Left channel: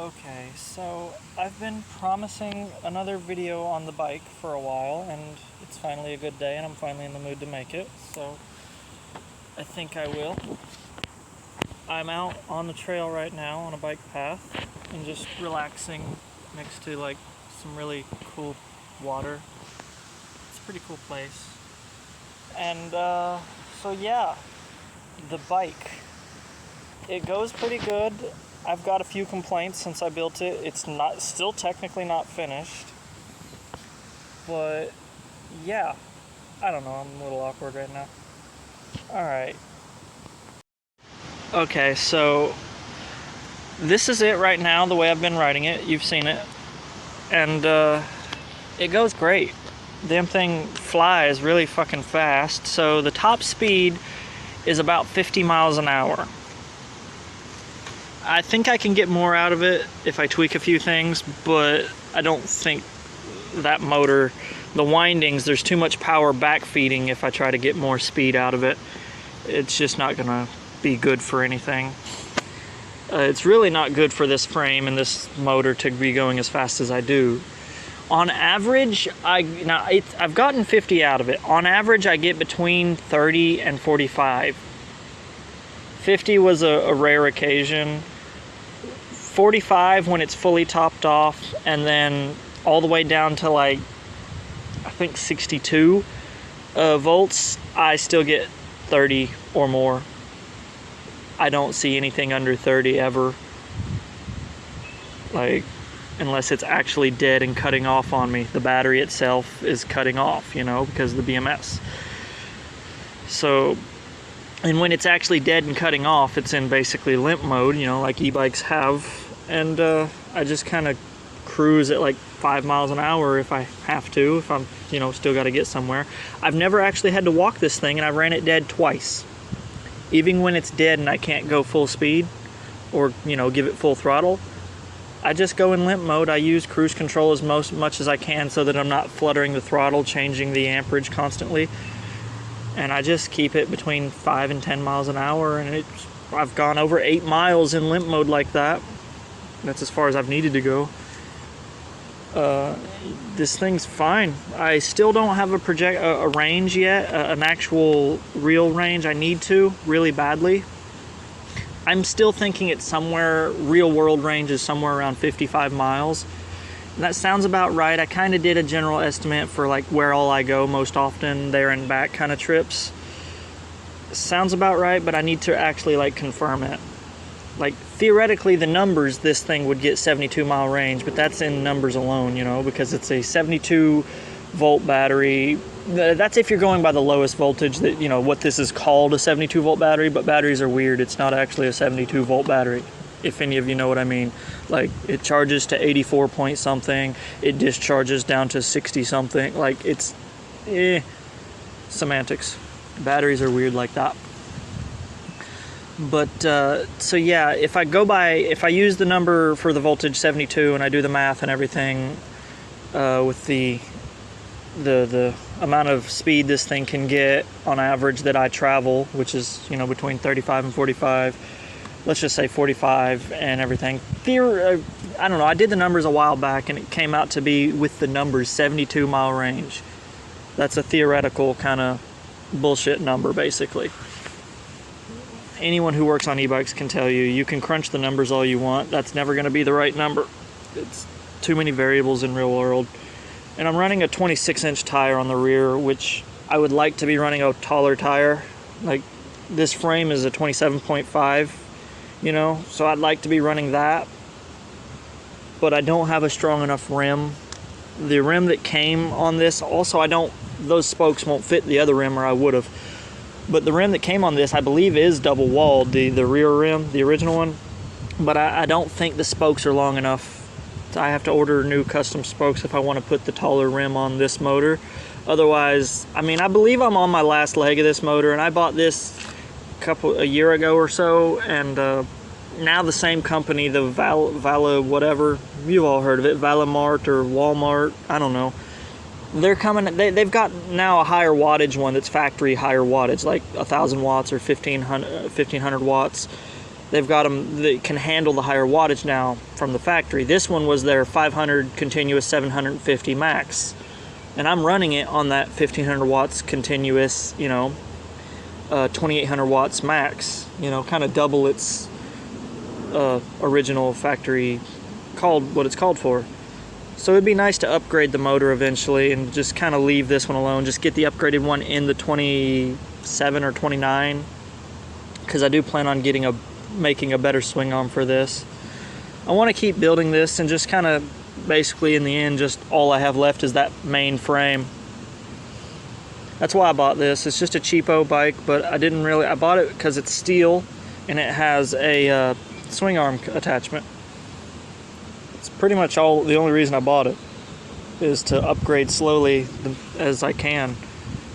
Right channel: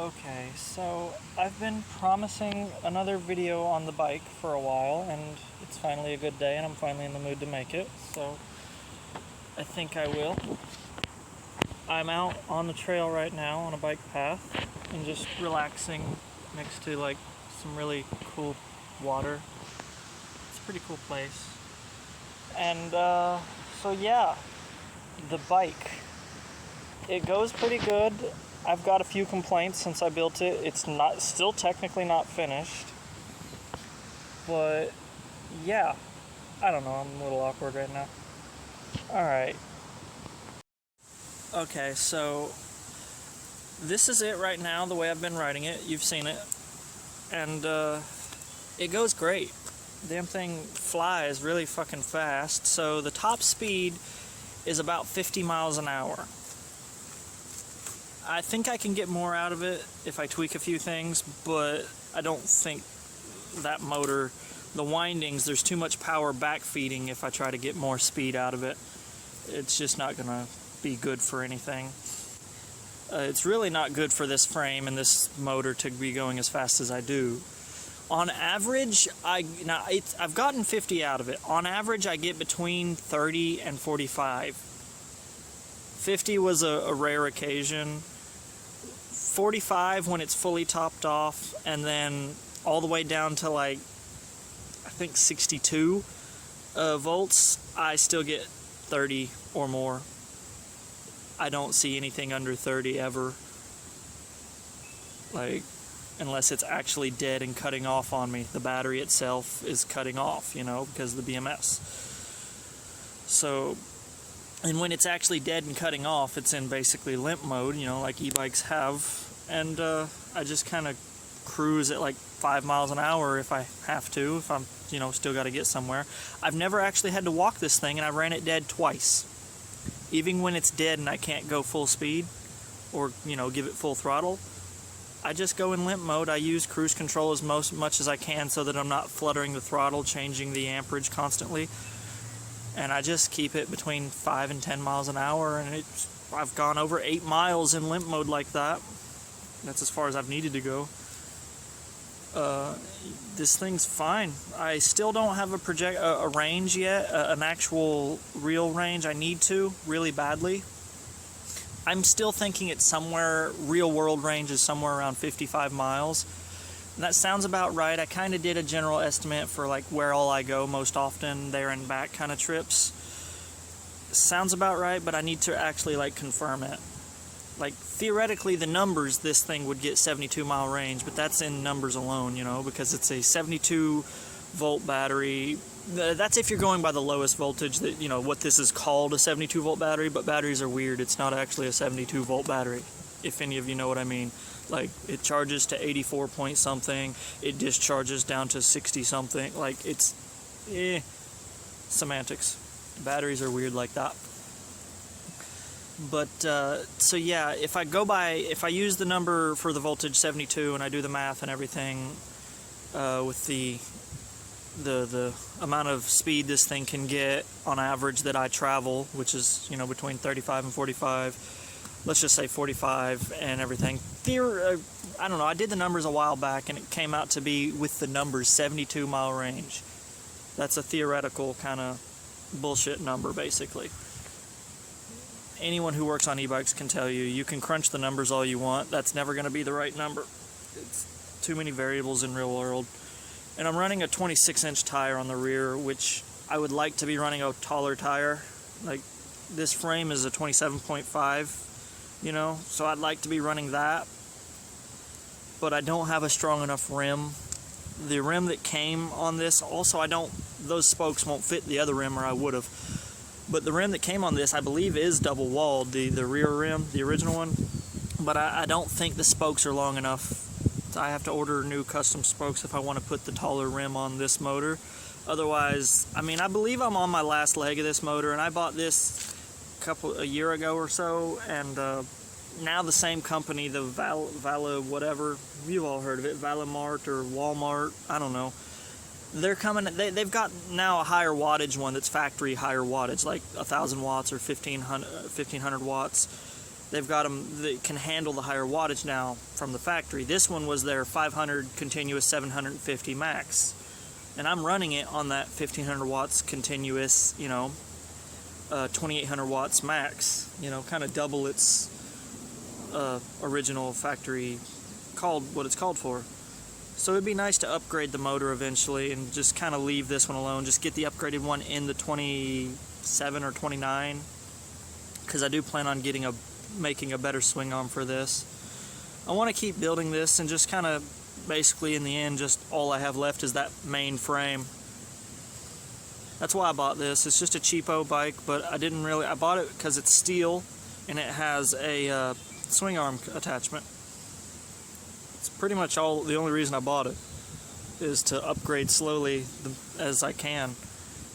Okay, so I've been promising another video on the bike for a while, and it's finally a good day, and I'm finally in the mood to make it, so I think I will. I'm out on the trail right now on a bike path and just relaxing next to like some really cool water. It's a pretty cool place. And so yeah, the bike. It goes pretty good. I've got a few complaints since I built it. It's still technically not finished. But yeah, I don't know, I'm a little awkward right now. Alright. Okay, so this is it right now, the way I've been riding it. You've seen it. And it goes great. Damn thing flies really fucking fast. So the top speed is about 50 miles an hour. I think I can get more out of it if I tweak a few things, but I don't think that motor, the windings, there's too much power backfeeding if I try to get more speed out of it. It's just not gonna be good for anything. It's really not good for this frame and this motor to be going as fast as I do. On average, I've gotten 50 out of it. On average, I get between 30 and 45. 50 was a rare occasion. 45 when it's fully topped off, and then all the way down to like, I think 62 volts, I still get 30 or more. I don't see anything under 30 ever. Like, unless it's actually dead and cutting off on me. The battery itself is cutting off, you know, because of the BMS. So, and when it's actually dead and cutting off, it's in basically limp mode, you know, like e-bikes have. And I just kind of cruise at like 5 miles an hour if I have to, if I'm, you know, still got to get somewhere. I've never actually had to walk this thing, and I ran it dead twice. Even when it's dead and I can't go full speed or, you know, give it full throttle, I just go in limp mode. I use cruise control as much as I can so that I'm not fluttering the throttle, changing the amperage constantly. And I just keep it between 5 and 10 miles an hour, and I've gone over 8 miles in limp mode like that. That's as far as I've needed to go. This thing's fine. I still don't have a range yet, an actual real range. I need to really badly. I'm still thinking it's somewhere, real world range is somewhere around 55 miles. And that sounds about right. I kind of did a general estimate for like where all I go most often, there and back kind of trips. Sounds about right, but I need to actually like confirm it. Like theoretically the numbers, this thing would get 72 mile range, but that's in numbers alone, you know, because it's a 72 volt battery. That's if you're going by the lowest voltage, that, you know, what this is called a 72 volt battery, but batteries are weird. It's not actually a 72 volt battery, if any of you know what I mean. Like, it charges to 84 point something, it discharges down to 60 something. Like, it's semantics. Batteries are weird like that. But so yeah, if I use the number for the voltage 72 and I do the math and everything with the amount of speed this thing can get on average that I travel, which is, you know, between 35 and 45, let's just say 45 and everything. I don't know, I did the numbers a while back and it came out to be, with the numbers, 72 mile range. That's a theoretical kind of bullshit number, basically. Anyone who works on e-bikes can tell you, you can crunch the numbers all you want, that's never going to be the right number. It's too many variables in real world. And I'm running a 26-inch tire on the rear, which I would like to be running a taller tire. Like, this frame is a 27.5, you know, so I'd like to be running that. But I don't have a strong enough rim. The rim that came on this, also those spokes won't fit the other rim, or I would have. But the rim that came on this, I believe, is double walled, the rear rim, the original one. But I don't think the spokes are long enough. I have to order new custom spokes if I want to put the taller rim on this motor. Otherwise, I mean, I believe I'm on my last leg of this motor, and I bought this a year ago or so, and now the same company, the Vala whatever, you've all heard of it, Valamart or Walmart, I don't know. They're coming, they've got now a higher wattage one that's factory higher wattage, like 1,000 watts or 1,500 watts. they've got them that can handle the higher wattage now from the factory. This one was their 500 continuous 750 max, and I'm running it on that 1500 watts continuous, 2800 watts max, kind of double its original factory what it's called for. So it'd be nice to upgrade the motor eventually and just kind of leave this one alone, just get the upgraded one in the 27 or 29, because I do plan on making a better swing arm for this. I want to keep building this, and just kind of basically in the end, just all I have left is that main frame. That's why I bought this. It's just a cheapo bike, but I bought it because it's steel and it has a swing arm attachment. It's pretty much the only reason I bought it, is to upgrade slowly as I can.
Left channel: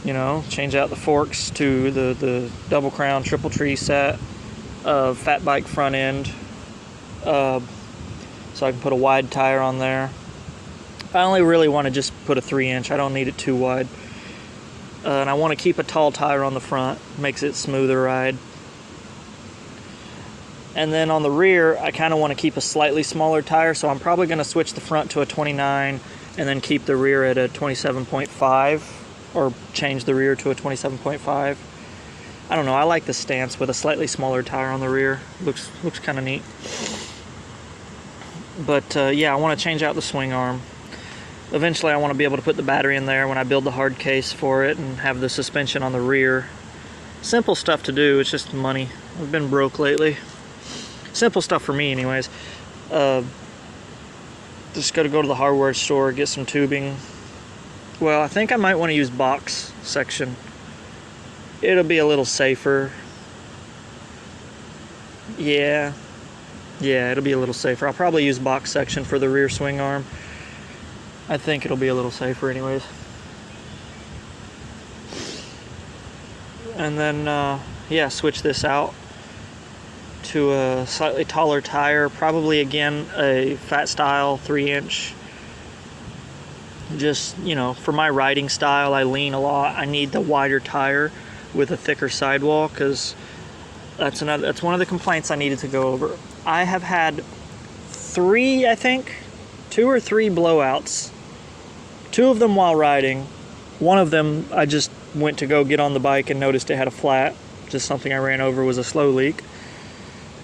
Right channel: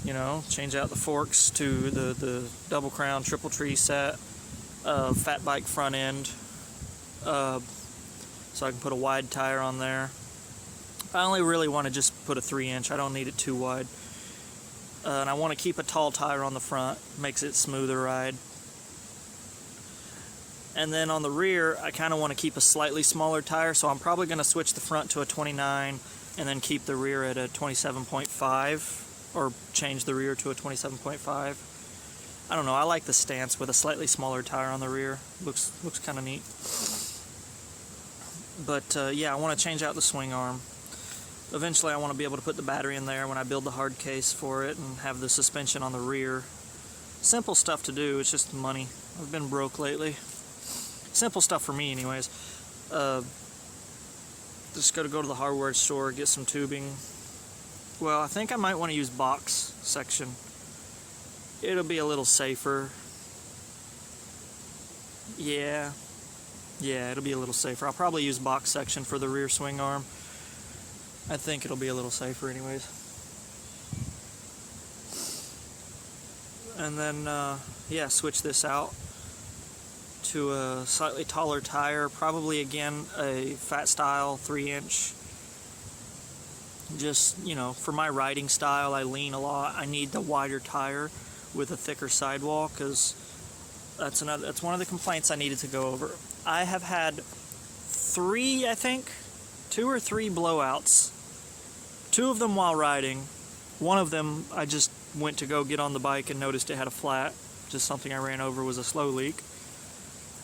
Change out the forks to the double crown triple tree set, fat bike front end, so I can put a wide tire on there. I only really want to just put a 3-inch. I don't need it too wide. And I want to keep a tall tire on the front, makes it smoother ride. And then on the rear, I kind of want to keep a slightly smaller tire, so I'm probably going to switch the front to a 29 and then keep the rear at a 27.5, or change the rear to a 27.5. I don't know, I like the stance with a slightly smaller tire on the rear. Looks kind of neat. But yeah, I want to change out the swing arm. Eventually I want to be able to put the battery in there when I build the hard case for it, and have the suspension on the rear. Simple stuff to do, it's just money. I've been broke lately. Simple stuff for me anyways. Just gotta go to the hardware store, get some tubing. Well, I think I might want to use box section. It'll be a little safer. Yeah, it'll be a little safer. I'll probably use box section for the rear swing arm. I think it'll be a little safer anyways. And then, yeah, switch this out to a slightly taller tire, probably again a fat style 3-inch. Just, for my riding style, I lean a lot. I need the wider tire with a thicker sidewall, because that's one of the complaints I needed to go over. I have had 2 or 3 blowouts. 2 of them while riding. One of them, I just went to go get on the bike and noticed it had a flat. Just something I ran over, was a slow leak.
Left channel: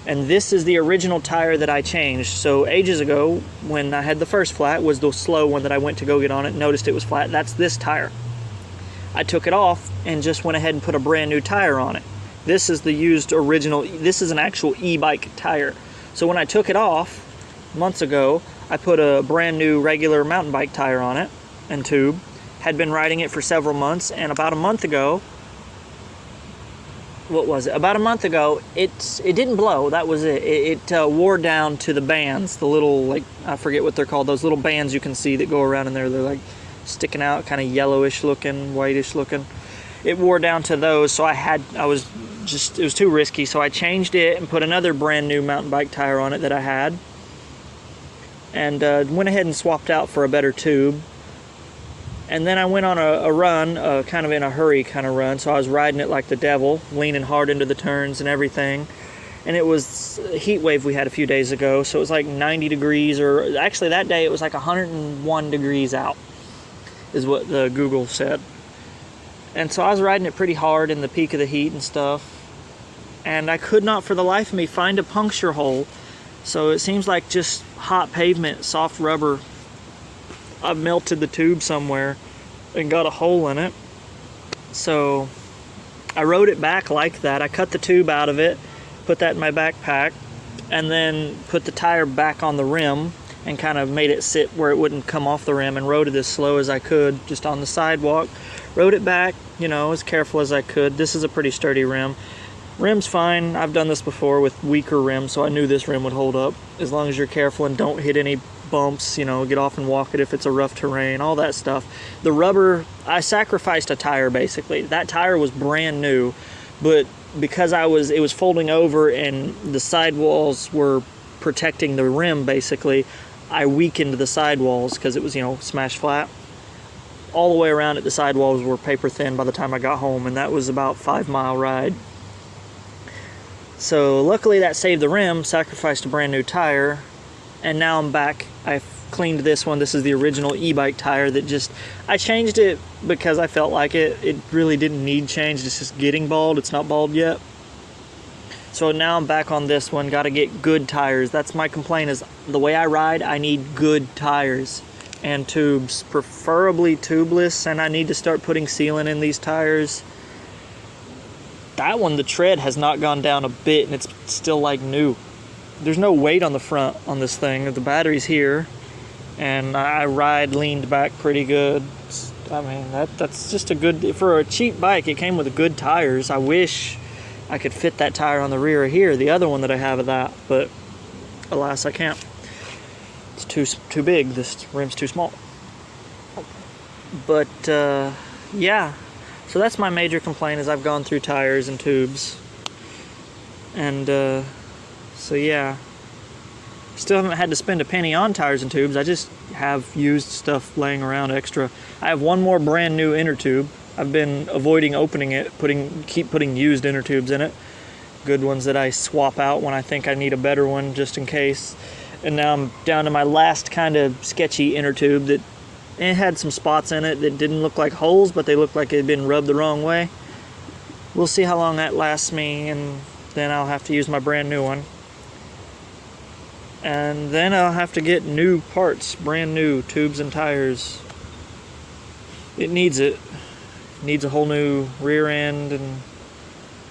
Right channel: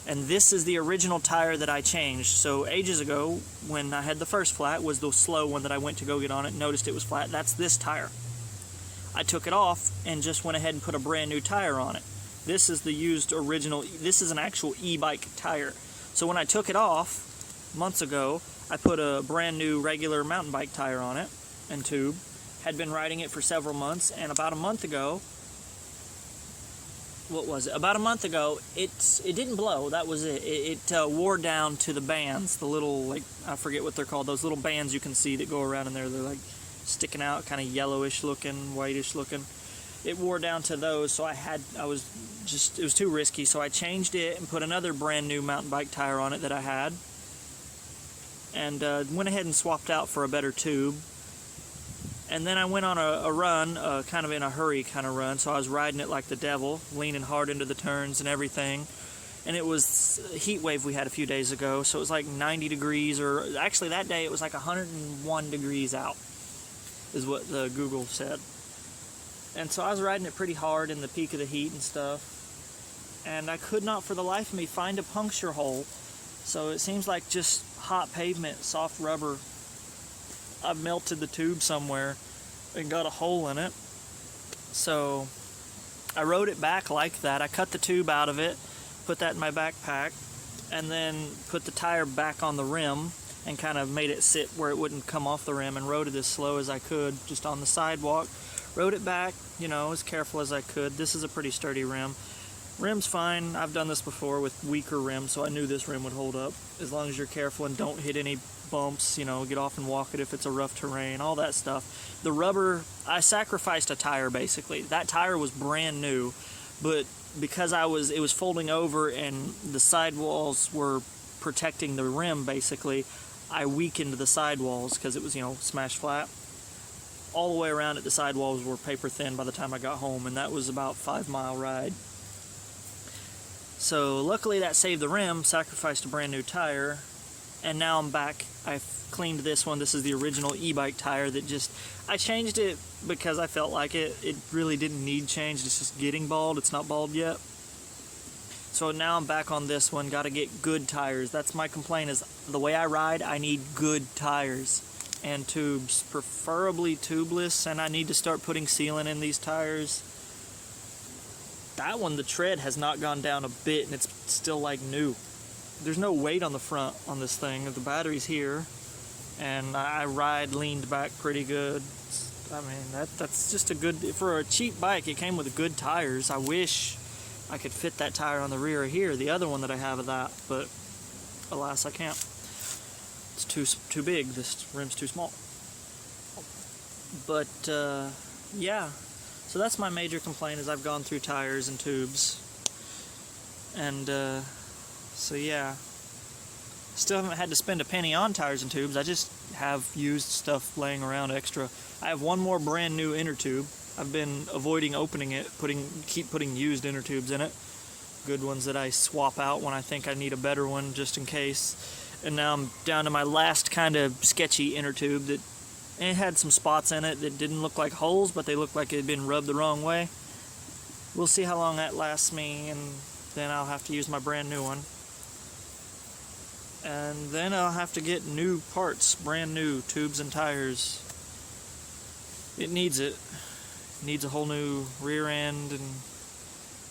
And this is the original tire that I changed. So ages ago, when I had the first flat, was the slow one that I went to go get on it, noticed it was flat. That's this tire. I took it off and just went ahead and put a brand new tire on it. This is the used original, this is an actual e-bike tire. So when I took it off months ago, I put a brand new regular mountain bike tire on it and tube. Had been riding it for several months, and about a month ago, About a month ago, it didn't blow. That was it. It wore down to the bands, the little, I forget what they're called, those little bands you can see that go around in there. They're sticking out, kind of yellowish looking, whitish looking. It wore down to those, so it was too risky. So I changed it and put another brand new mountain bike tire on it that I had, and went ahead and swapped out for a better tube. And then I went on a run, kind of in a hurry kind of run, so I was riding it like the devil, leaning hard into the turns and everything. And it was a heat wave we had a few days ago, so it was like 90 degrees, or actually that day it was like 101 degrees out, is what the Google said. And so I was riding it pretty hard in the peak of the heat and stuff, and I could not for the life of me find a puncture hole. So it seems like just hot pavement, soft rubber. I've melted the tube somewhere and got a hole in it. So I rode it back like that. I cut the tube out of it, put that in my backpack, and then put the tire back on the rim and kind of made it sit where it wouldn't come off the rim, and rode it as slow as I could just on the sidewalk. Rode it back, as careful as I could. This is a pretty sturdy rim. Rim's fine. I've done this before with weaker rims, so I knew this rim would hold up as long as you're careful and don't hit any bumps, get off and walk it if it's a rough terrain, all that stuff. The rubber, I sacrificed a tire basically. That tire was brand new, but because it was folding over and the sidewalls were protecting the rim basically, I weakened the sidewalls because it was, smashed flat. All the way around it, the sidewalls were paper thin by the time I got home, and that was about a 5-mile ride. So luckily that saved the rim, sacrificed a brand new tire, and now I'm back. I've cleaned this one. This is the original e-bike tire that just, I changed it because I felt like it. It really didn't need change. It's just getting bald. It's not bald yet. So now I'm back on this one. Got to get good tires. That's my complaint, is the way I ride, I need good tires and tubes, preferably tubeless, and I need to start putting sealant in these tires. That one, the tread has not gone down a bit, and it's still like new. There's no weight on the front on this thing. The battery's here, and I ride leaned back pretty good. I mean, that's just a good, for a cheap bike, it came with good tires. I wish I could fit that tire on the rear of here, the other one that I have of that, but alas, I can't. It's too big. This rim's too small. But yeah, so that's my major complaint, is I've gone through tires and tubes, and so yeah, still haven't had to spend a penny on tires and tubes. I just have used stuff laying around extra. I have one more brand new inner tube. I've been avoiding opening it, keep putting used inner tubes in it, good ones that I swap out when I think I need a better one, just in case. And now I'm down to my last kind of sketchy inner tube that it had some spots in it that didn't look like holes, but they looked like it had been rubbed the wrong way. We'll see how long that lasts me, and then I'll have to use my brand new one. And then I'll have to get new parts, brand new tubes and tires. It needs it. Needs a whole new rear end, and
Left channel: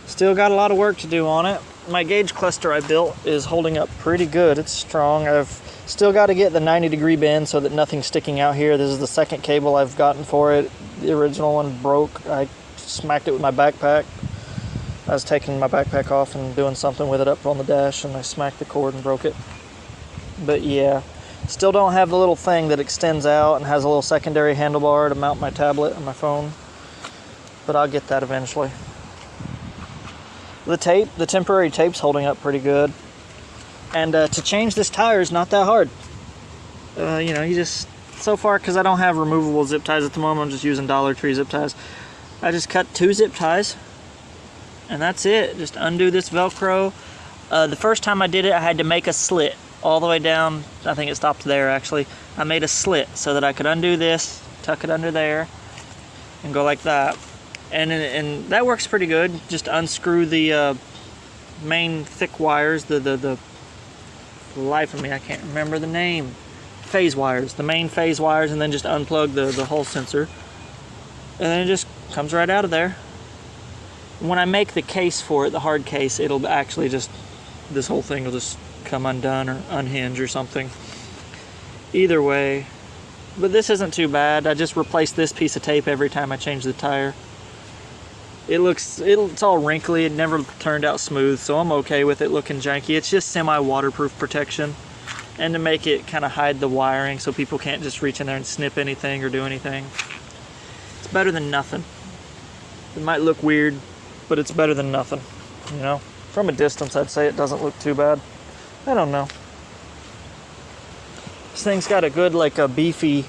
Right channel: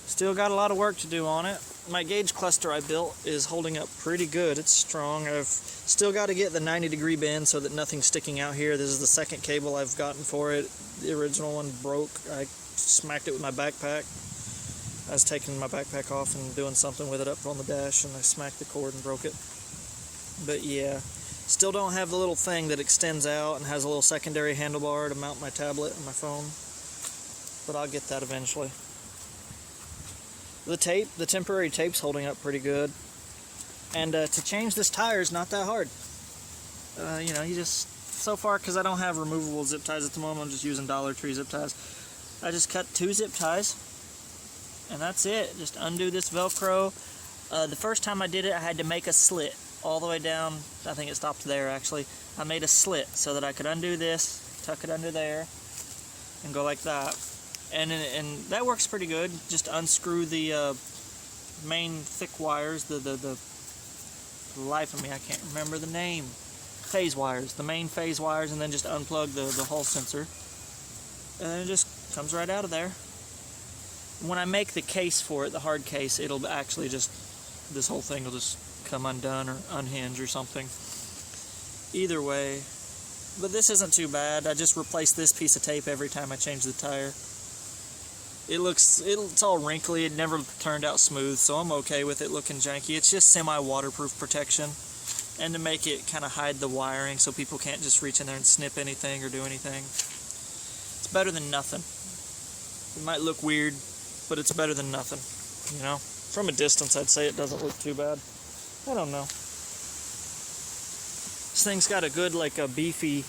still got a lot of work to do on it. My gauge cluster I built is holding up pretty good. It's strong. I've still got to get the 90-degree bend so that nothing's sticking out here. This is the second cable I've gotten for it. The original one broke. I smacked it with my backpack. I was taking my backpack off and doing something with it up on the dash, and I smacked the cord and broke it. But yeah, still don't have the little thing that extends out and has a little secondary handlebar to mount my tablet and my phone. But I'll get that eventually. The temporary tape's holding up pretty good. And to change this tire is not that hard. You just, so far, because I don't have removable zip ties at the moment, I'm just using Dollar Tree zip ties. I just cut 2 zip ties, and that's it. Just undo this Velcro. The first time I did it, I had to make a slit all the way down. I think it stopped there, actually. I made a slit so that I could undo this, tuck it under there, and go like that. And that works pretty good. Just unscrew the main thick wires, the life of me, I can't remember the name. Phase wires, the main phase wires, and then just unplug the Hall sensor. And then it just comes right out of there. When I make the case for it, the hard case, it'll actually just, this whole thing will just come undone or unhinge or something. Either way, but this isn't too bad. I just replace this piece of tape every time I change the tire. It's all wrinkly. It never turned out smooth, so I'm okay with it looking janky. It's just semi-waterproof protection, and to make it kind of hide the wiring so people can't just reach in there and snip anything or do anything. It's better than nothing. It might look weird, but it's better than nothing, you know? From a distance, I'd say it doesn't look too bad. I don't know. This thing's got a good, like a beefy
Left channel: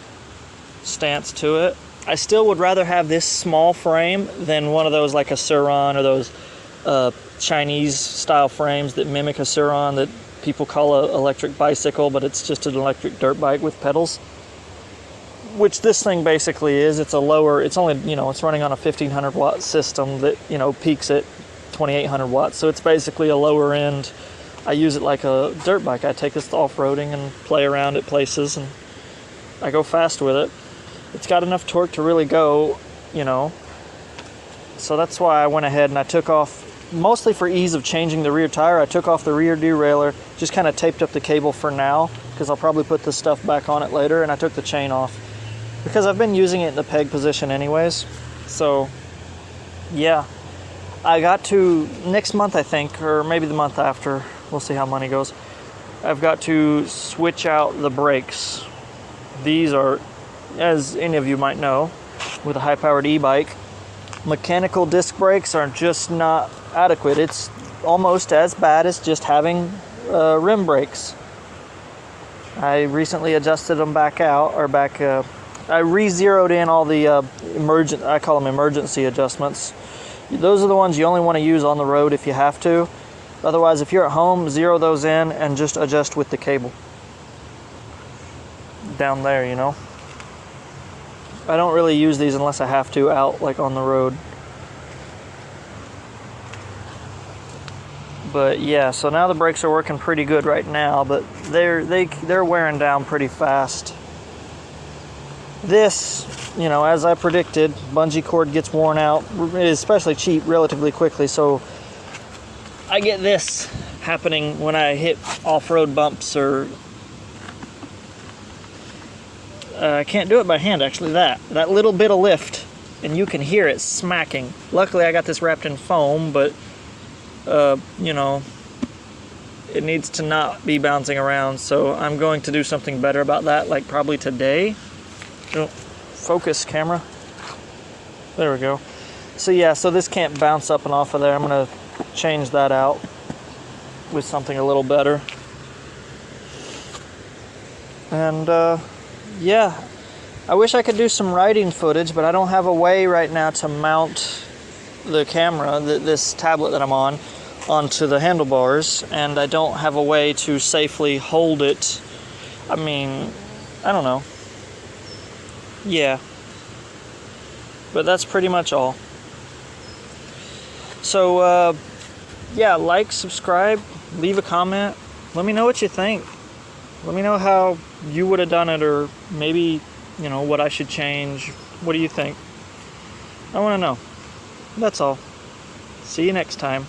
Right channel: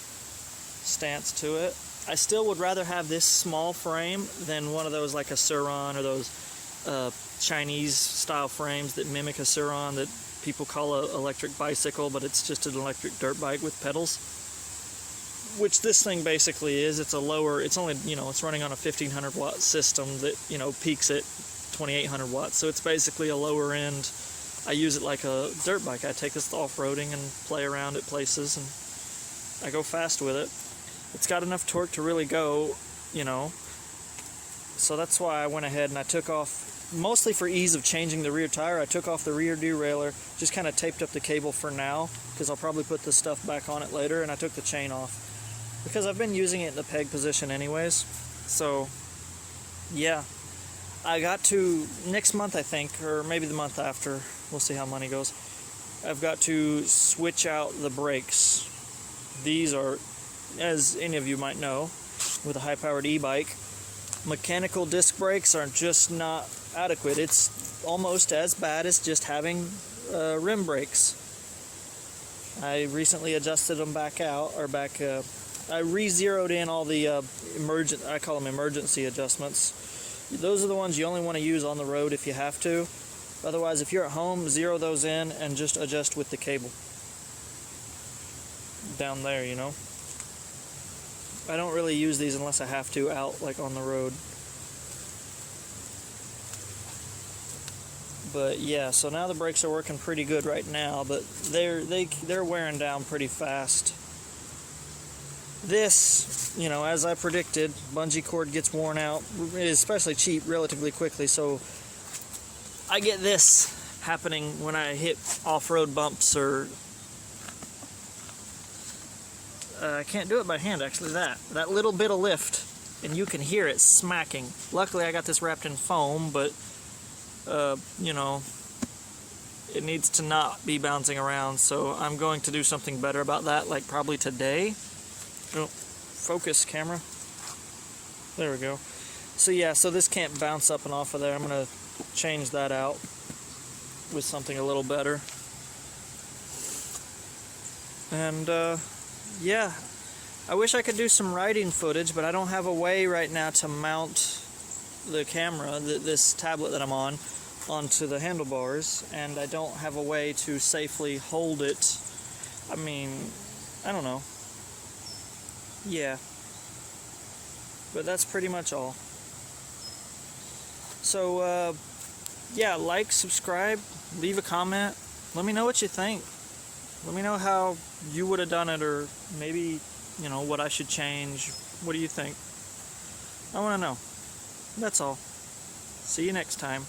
stance to it. I still would rather have this small frame than one of those like a Suron or those Chinese style frames that mimic a Suron that people call an electric bicycle, but it's just an electric dirt bike with pedals. Which this thing basically is. It's a lower, it's only, it's running on a 1500 watt system that, peaks at 2800 watts. So it's basically a lower end. I use it like a dirt bike. I take this off-roading and play around at places, and I go fast with it. It's got enough torque to really go, So that's why I went ahead and I took off, mostly for ease of changing the rear tire, I took off the rear derailleur, just kind of taped up the cable for now, because I'll probably put this stuff back on it later, and I took the chain off, because I've been using it in the peg position anyways. So, yeah. I got to, next month I think, or maybe the month after, we'll see how money goes, I've got to switch out the brakes. These are, as any of you might know, with a high-powered e-bike, mechanical disc brakes are just not adequate. It's almost as bad as just having rim brakes. I recently adjusted them back out, or I re-zeroed in all the I call them emergency adjustments. Those are the ones you only want to use on the road if you have to. Otherwise, if you're at home, zero those in and just adjust with the cable down there, you know. I don't really use these unless I have to out like on the road. But yeah, so now the brakes are working pretty good right now, but they're wearing down pretty fast. This, you know, as I predicted, bungee cord gets worn out, especially cheap, relatively quickly. So I get this happening when I hit off-road bumps, or I can't do it by hand actually. That little bit of lift, and you can hear it smacking. Luckily, I got this wrapped in foam, but you know, it needs to not be bouncing around, so I'm going to do something better about that, like probably today. Oh, focus, camera. There we go. So yeah, so this can't bounce up and off of there. I'm going to change that out with something a little better. And yeah, I wish I could do some riding footage, but I don't have a way right now to mount the camera, this tablet that I'm on, onto the handlebars, and I don't have a way to safely hold it. I mean, I don't know. Yeah. But that's pretty much all. So, yeah, like, subscribe, leave a comment. Let me know what you think. Let me know how you would have done it, or maybe, you know, what I should change. What do you think? I want to know. That's all. See you next time.